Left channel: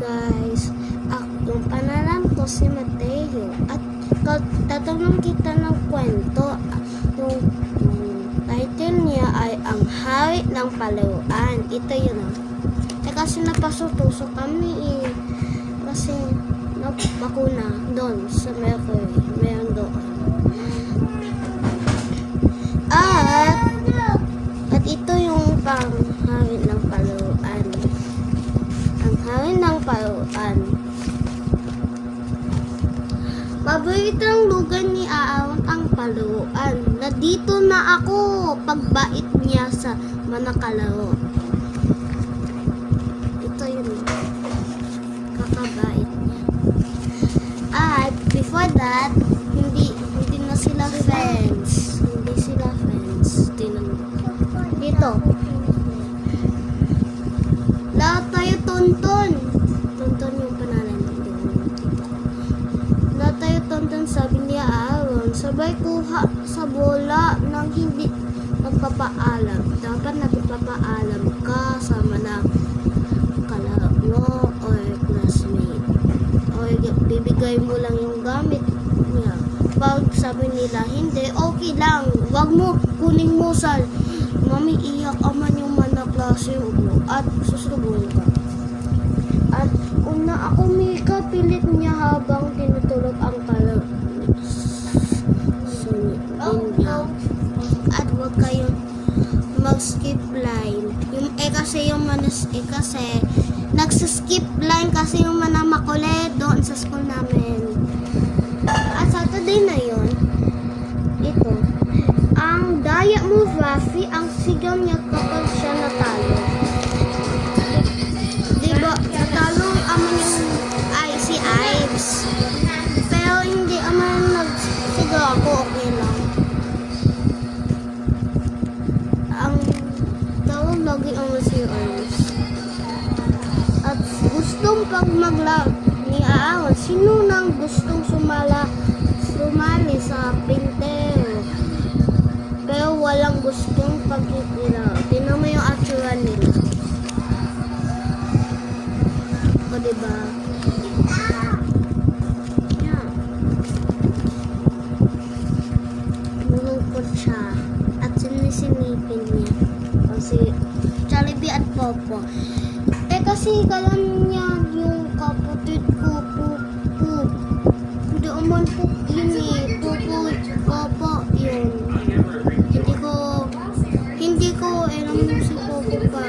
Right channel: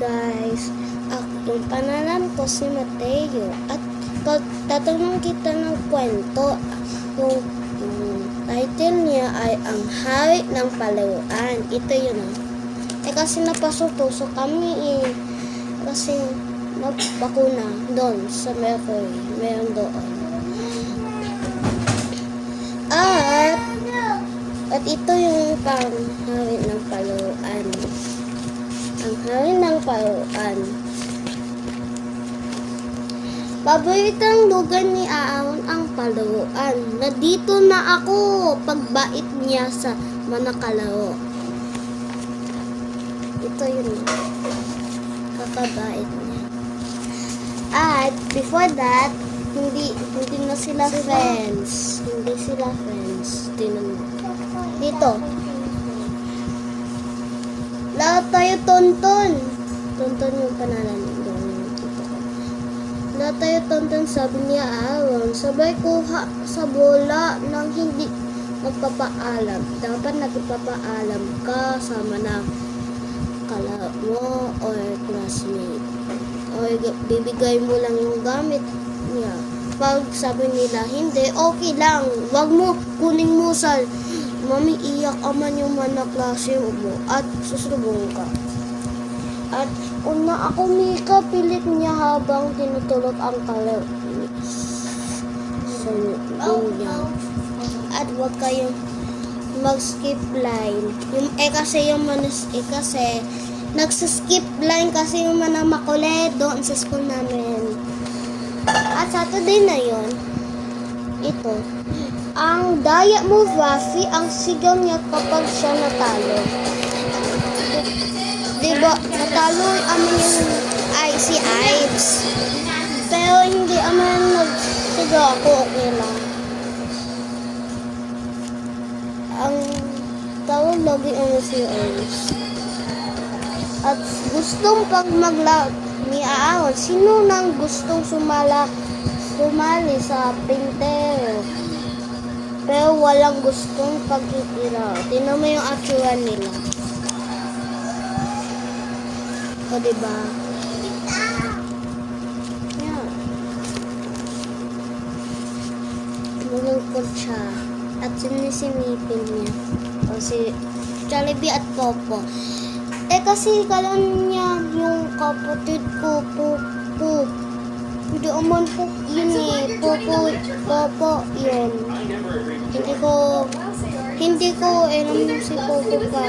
guys, yung pangalan ko si Mateo at tatanong kita ng kwento. Yung title niya ay Ang Hari ng Palaruan. Ito yun kasi napasutuso kami kasi bakuna doon sa Mercury, meron doon. At ito yung panghari ng palaruan. Ang hari ng palaruan. Paboritang lugar ni Aaron ang palaruan. Nandito na ako pagbait niya sa manakalaro. Ito yun. Kakabait niya. At before that, hindi na sila friends. Hindi sila friends. Dito. Lahat tayo tonton. Tonton yung pangalan nito. Lahat tayo tonton, sabi niya Aaron. Sabay kuha sa bola nang hindi nagpapaalam. Dapat nagpapaalam ka sa kalaro mo or classmate. O bibigay mo lang yung gamit niya. Pag sabi nila, hindi, okay lang. Wag mo kuning musal. Mami, iyak aman yung manaklase mo at susunod ka. At una ako Mika, pilit niya habang tinutulog ang kalaro. So, at wag kayong mag-skip line. Kasi nagsa-skip line kasi yung mga makulit doon sa school namin. At Saturday na yun, ito, ang daya mo, Rafi, ang sigaw niya kapag siya natalo. Diba, natalo si Ives. Pero hindi nagsigaw ako, okay lang. Ang tawag lagi si Ives. At gustong pag maglaro ni Aaron, sino nang gustong sumali sa pintero? Pero walang gustong pagkikilala. Tingnan mo yung actual nila. O diba? Yan. Nalungkot siya. At sinisimipin niya. Kasi Jollibee at Popo. Kasi kalan niya yung kapatid ko, Popo. Hindi naman po yun Popo yun. Hindi ko alam si Popo ka.